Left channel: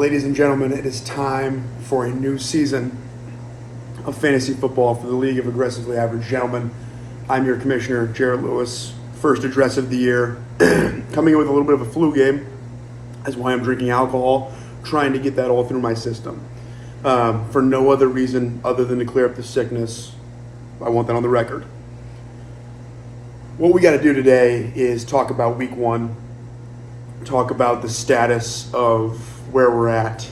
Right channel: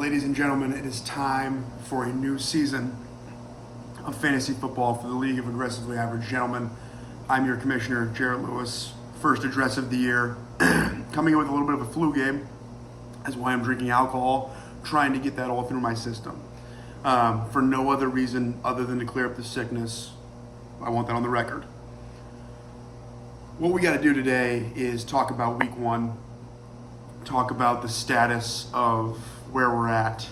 Ladies and gentlemen, it is time for a new season of fantasy football for the League of Aggressively Average Gentlemen. I'm your commissioner, Jared Lewis. First address of the year. Coming in with a little bit of a flu game. That's why I'm drinking alcohol, trying to get that all through my system. For no other reason other than to clear up the sickness. I want that on the record. What we got to do today is talk about week one, talk about the status of where we're at,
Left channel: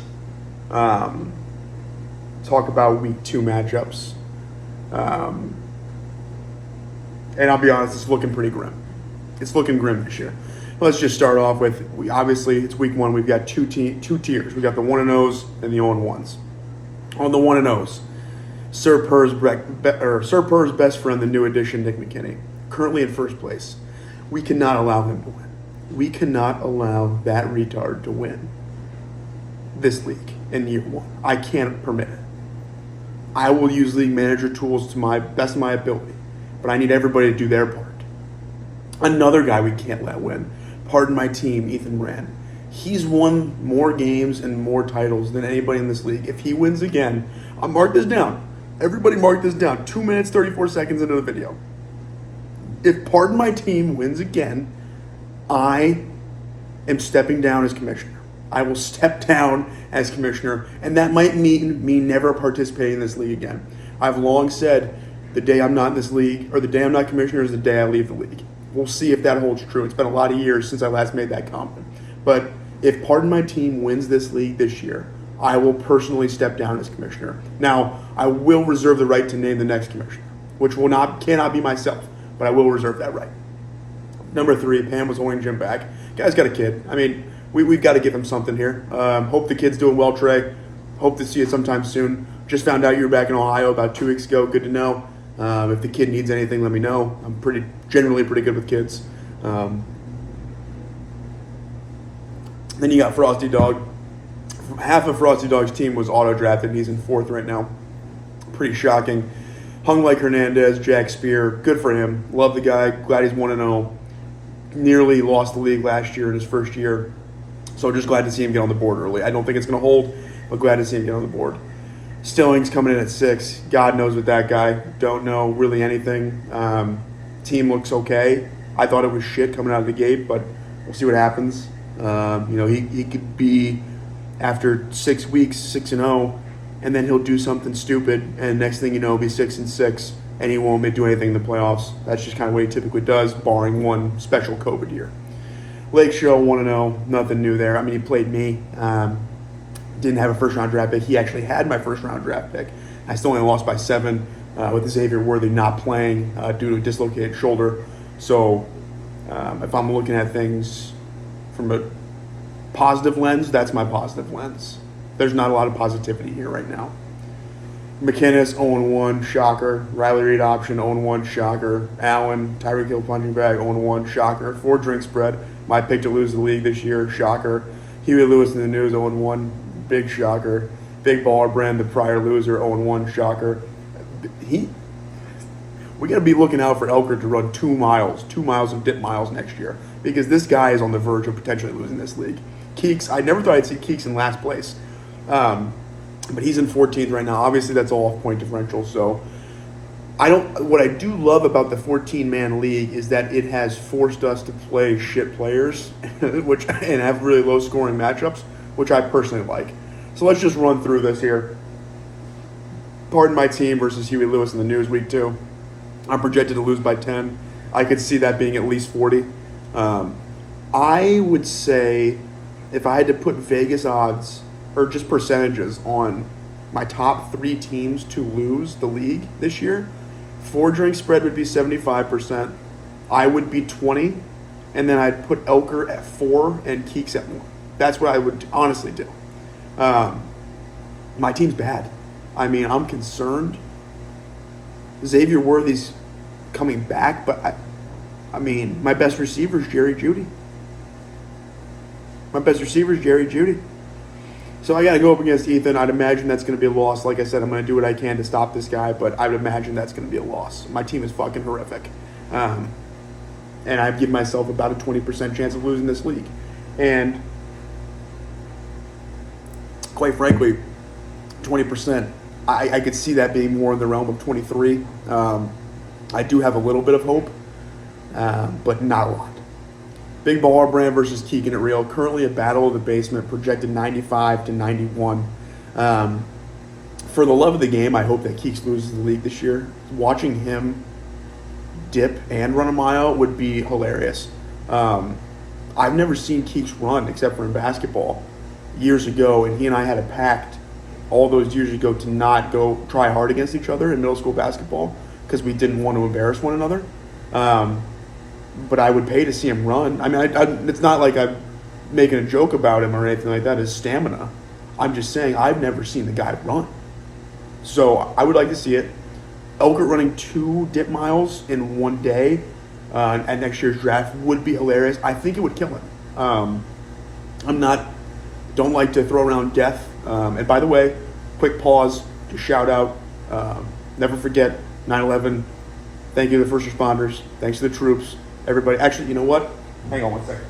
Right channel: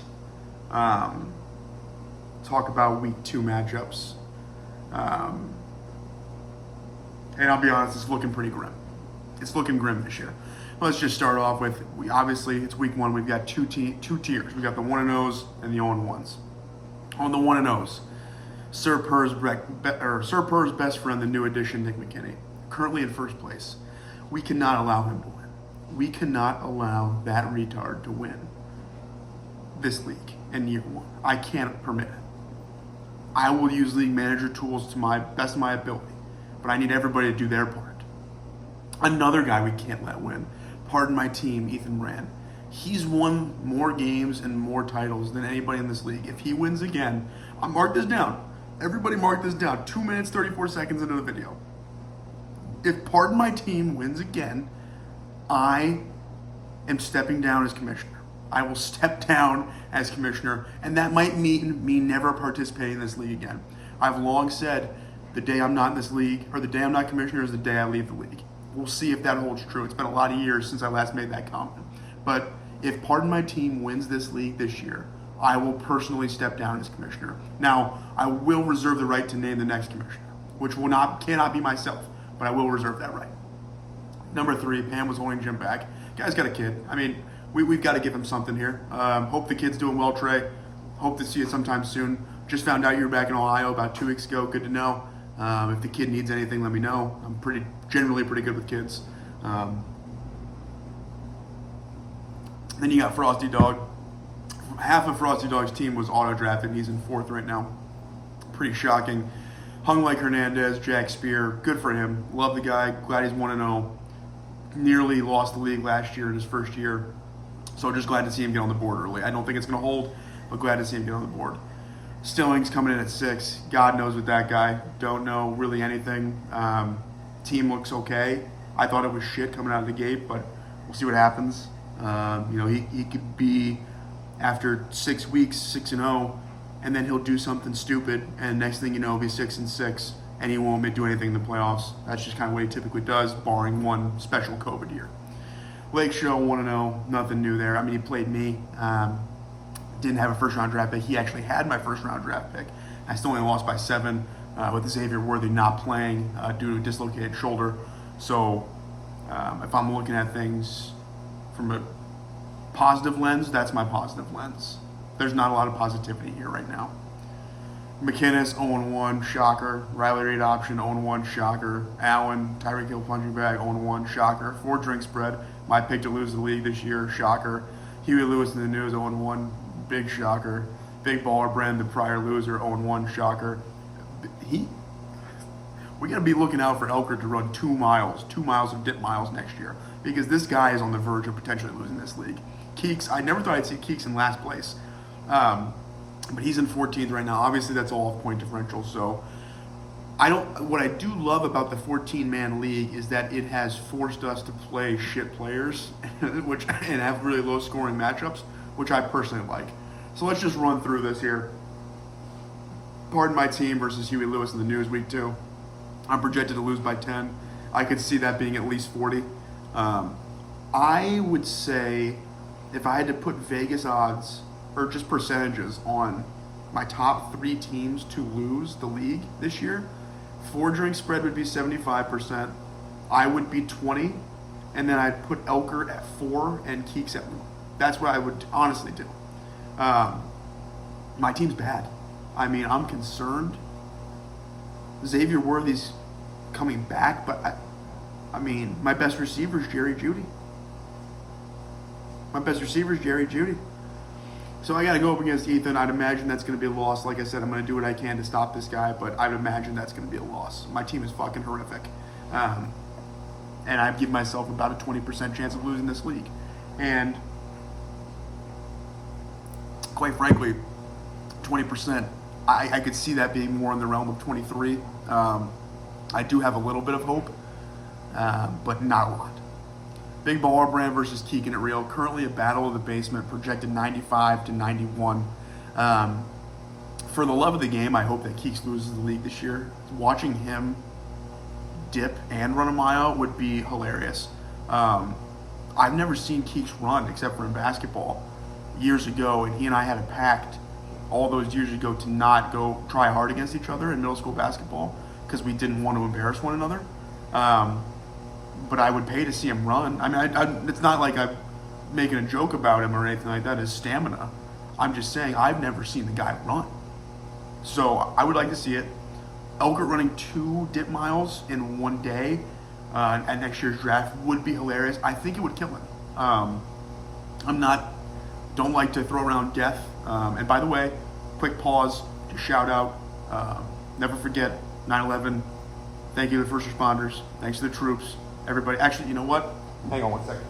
talk about week two matchups. And I'll be honest, it's looking pretty grim. It's looking grim this year. Let's just start off with, obviously, it's week one. We've got two tiers. We got the 1-0s and the 0-1s. On the 1-0s, Sir Purr's best friend, the new addition, Nick McKinney, currently in first place. We cannot allow him to win. We cannot allow that retard to win this league in year one. I can't permit it. I will use league manager tools to my best of my ability, but I need everybody to do their part. Another guy we can't let win, pardon my team, Ethan Rand. He's won more games and more titles than anybody in this league. If he wins again, I'll mark this down. Everybody mark this down. 2 minutes, 34 seconds into the video. If pardon my team wins again, I am stepping down as commissioner. I will step down as commissioner, and that might mean me never participating in this league again. I've long said the day I'm not in this league, or the day I'm not commissioner, is the day I leave the league. We'll see if that holds true. It's been a lot of years since I last made that comment. But if pardon my team wins this league this year, I will personally step down as commissioner. Now, I will reserve the right to name the next commissioner, which cannot be myself, but I will reserve that right. Number 3, Pam was holding Jim back. Guy's got a kid. I mean, we've got to give him something here. Hope the kid's doing well, Trey. Hope to see you sometime soon. Just found out you were back in Ohio about 2 weeks ago. Good to know. If the kid needs anything, let me know. I'm generally pretty good with kids. Then you got Frosty Dog. Half of Frosty Dog's team was auto-drafted. He's in 4th right now. Pretty shocking. Hung like Hernandez, Jack Spear. Good for him. Love the guy. Glad he's 1-0. Nearly lost the league last year in his first year. So just glad to see him get on the board early. I don't think it's going to hold, but glad to see him get on the board. Stillings coming in at 6. God knows with that guy. Don't know really anything. Team looks okay. I thought it was shit coming out of the gate, but we'll see what happens. He could be, after 6 weeks, 6-0, and then he'll do something stupid, and next thing you know, he'll be 6-6, and he won't do anything in the playoffs. That's just kind of what he typically does, barring one special COVID year. Lake Show 1-0, nothing new there. I mean, he played me. Didn't have a first-round draft pick. He actually had my first-round draft pick. I still only lost by 7 with Xavier Worthy not playing due to a dislocated shoulder. So if I'm looking at things from a positive lens, that's my positive lens. There's not a lot of positivity here right now. McKinnis, 0-1, shocker. Riley Reid option, 0-1, shocker. Allen, Tyreek Hill punching bag, 0-1, shocker. 4 drink spread. My pick to lose the league this year, shocker. Huey Lewis in the news, 0-1, big shocker. Big Baller Brand, the prior loser, 0-1, shocker. We got to be looking out for Elker to run 2 miles of dip miles next year, because this guy is on the verge of potentially losing this league. Keeks, I never thought I'd see Keeks in last place. But he's in 14th right now. Obviously, that's all off point differential. So, what I do love about the 14-man league is that it has forced us to play shit players, and have really low scoring matchups, which I personally like. So let's just run through this here. Pardon my team versus Huey Lewis in the news week 2. I'm projected to lose by 10. I could see that being at least 40. I would say if I had to put Vegas odds or just percentages on my top 3 teams to lose the league this year, 4 drink spread would be 75%. I would be 20, and then I'd put Elker at 4 and Keeks at 1. That's what I would honestly do. My team's bad. I mean, I'm concerned. Xavier Worthy's coming back, but I mean, my best receiver is Jerry Jeudy. So I got to go up against Ethan. I'd imagine that's going to be a loss. Like I said, I'm going to do what I can to stop this guy, but I would imagine that's going to be a loss. My team is fucking horrific. And I've given myself about a 20% chance of losing this league. And quite frankly, 20%, I could see that being more in the realm of 23. I do have a little bit of hope, but not a lot. Big Baller Brand versus Keegan at Real. Currently a battle of the basement, projected 95 to 91. For the love of the game, I hope that Keeks loses the league this year. Watching him dip and run a mile would be hilarious. I've never seen Keeks run except for in basketball years ago, and he and I had a pact all those years ago to not go try hard against each other in middle school basketball because we didn't want to embarrass one another. But I would pay to see him run. I mean, it's not like I'm making a joke about him or anything like that. His stamina. I'm just saying I've never seen the guy run. So I would like to see it. Elkert running 2 dip miles in one day at next year's draft would be hilarious. I think it would kill him. Don't like to throw around death. And by the way, quick pause to shout out. Never forget 9/11. Thank you to the first responders. Thanks to the troops. Everybody. Actually, you know what? Hang on one second.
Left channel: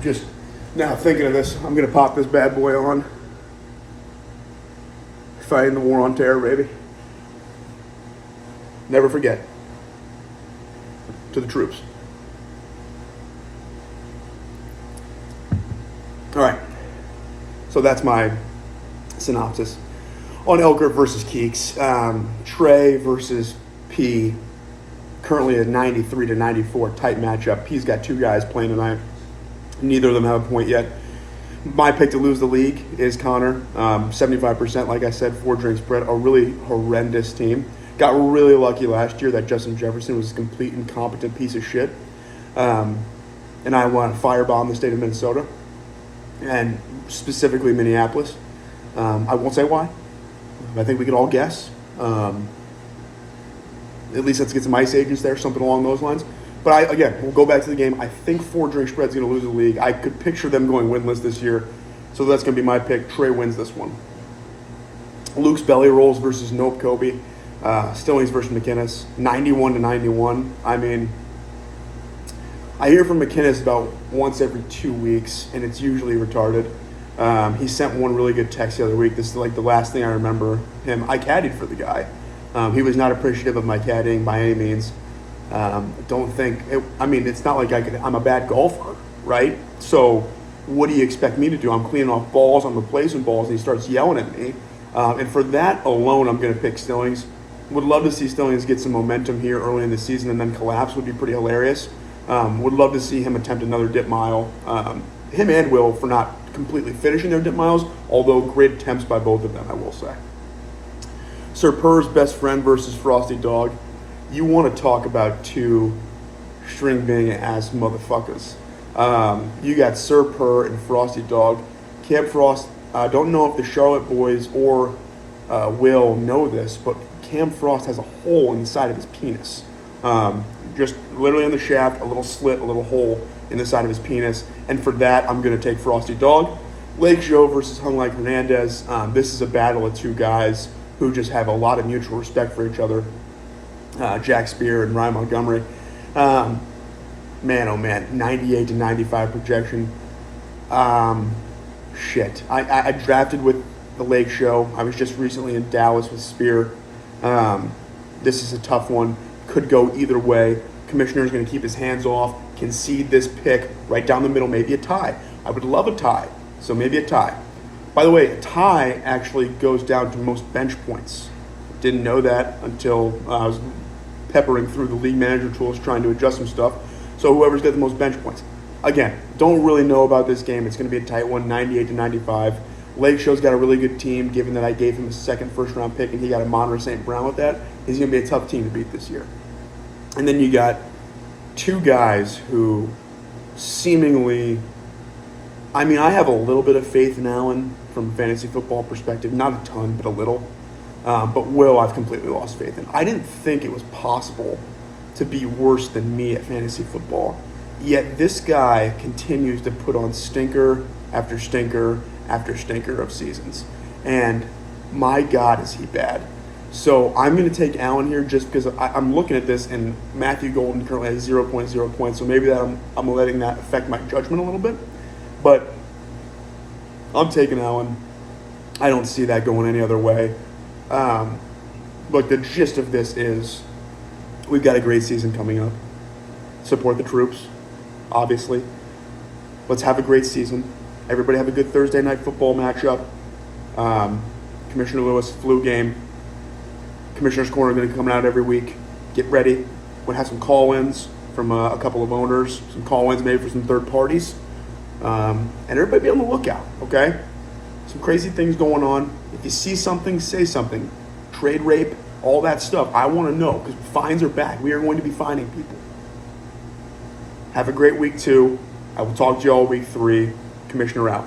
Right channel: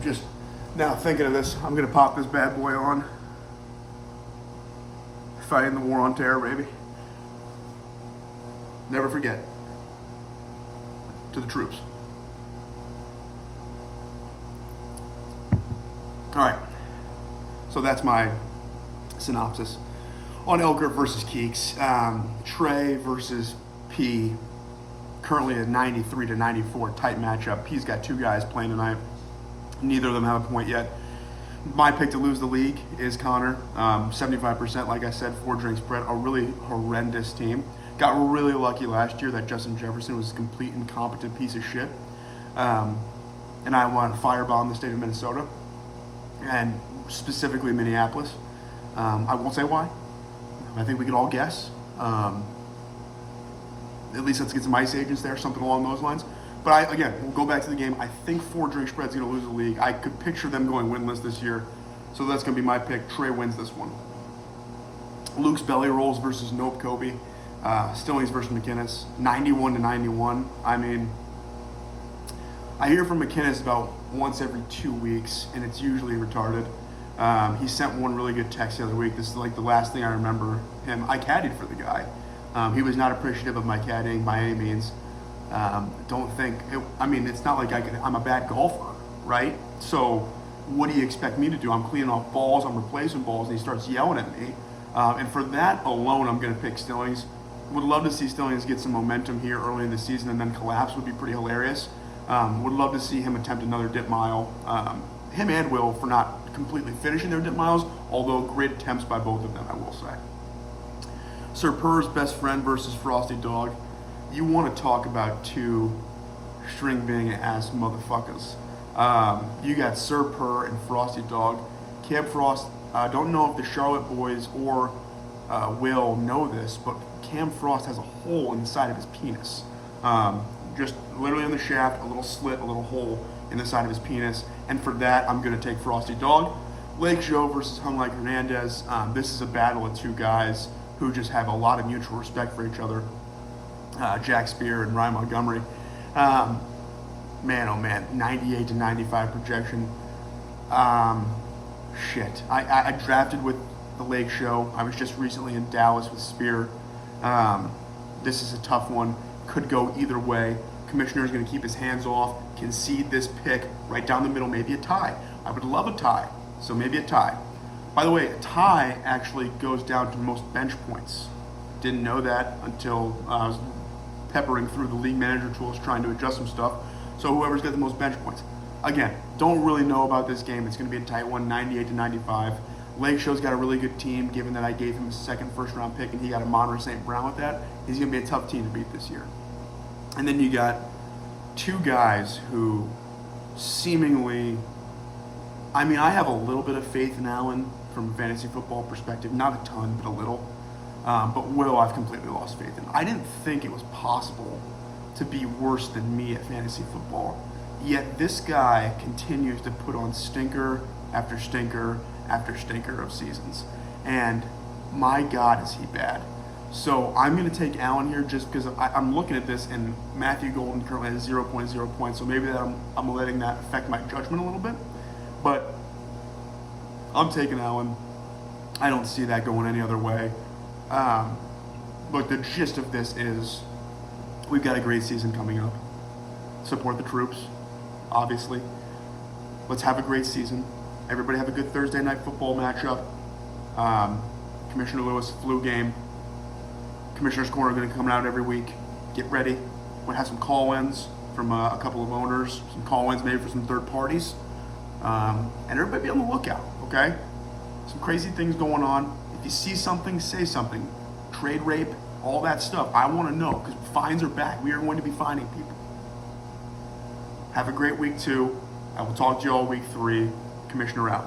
Just now thinking of this, I'm going to pop this bad boy on. Fighting the war on terror, baby. Never forget. To the troops. All right. So that's my synopsis. On Elkert versus Keeks. Trey versus P. Currently a 93 to 94 tight matchup. P's got 2 guys playing tonight. Neither of them have a point yet. My pick to lose the league is Connor. 75%, like I said, 4-drink spread. A really horrendous team. Got really lucky last year that Justin Jefferson was a complete incompetent piece of shit. And I want to firebomb the state of Minnesota. And specifically Minneapolis. I won't say why. I think we could all guess. At least let's get some ice agents there, something along those lines. But we'll go back to the game. I think 4-drink spread's going to lose the league. I could picture them going winless this year. So that's going to be my pick. Trey wins this one. Luke's Belly Rolls versus Nope Kobe. Stillings versus McInnes. 91 to 91. I mean, I hear from McInnes about once every 2 weeks, and it's usually retarded. He sent one really good text the other week. This is like the last thing I remember him. I caddied for the guy. He was not appreciative of my caddying by any means. It's not like I'm a bad golfer, right? So what do you expect me to do? I'm cleaning off balls, I'm replacing balls, and he starts yelling at me. And for that alone, I'm going to pick Stillings. Would love to see Stillings get some momentum here early in the season and then collapse would be pretty hilarious. Would love to see him attempt another dip mile. Him and Will for not completely finishing their dip miles, although great attempts by both of them, I will say. Sir Purr's best friend versus Frosty Dog. You want to talk about 2 string bang ass motherfuckers. You got Sir Purr and Frosty Dog. Cam Frost, I don't know if the Charlotte boys or Will know this, but Cam Frost has a hole in the side of his penis. Just literally on the shaft, a little slit, a little hole in the side of his penis. And for that, I'm going to take Frosty Dog. Lake Joe versus Hung Like Hernandez. This is a battle of 2 guys who just have a lot of mutual respect for each other. Jack Spear and Ryan Montgomery. Man, oh man, 98 to 95 projection. Shit. I drafted with the Lake Show. I was just recently in Dallas with Spear. This is a tough one. Could go either way. Commissioner's going to keep his hands off, concede this pick right down the middle, maybe a tie. I would love a tie, so maybe a tie. By the way, a tie actually goes down to most bench points. Didn't know that until I was peppering through the league manager tools trying to adjust some stuff. So whoever's got the most bench points. Again, don't really know about this game. It's going to be a tight one, 98 to 95. Lake Show's got a really good team, given that I gave him a second first-round pick and he got a Monterey St. Brown with that. He's going to be a tough team to beat this year. And then you got 2 guys who seemingly, I have a little bit of faith in Allen from a fantasy football perspective. Not a ton, but a little. But Will, I've completely lost faith in. I didn't think it was possible to be worse than me at fantasy football. Yet this guy continues to put on stinker after stinker after stinker of seasons. And my God, is he bad. So I'm going to take Allen here just because I'm looking at this, and Matthew Golden currently has 0.0 points. So maybe that I'm letting that affect my judgment a little bit. But I'm taking Allen. I don't see that going any other way. Look, the gist of this is we've got a great season coming up. Support the troops, obviously. Let's have a great season. Everybody have a good Thursday night football matchup. Commissioner Lewis, flu game. Commissioner's Corner going to come out every week. Get ready. We'll have some call-ins from a couple of owners, some call-ins maybe for some third parties. And everybody be on the lookout, okay? Some crazy things going on. If you see something, say something. Trade rape, all that stuff. I want to know because fines are back. We are going to be fining people. Have a great week 2. I will talk to you all week 3. Commissioner out.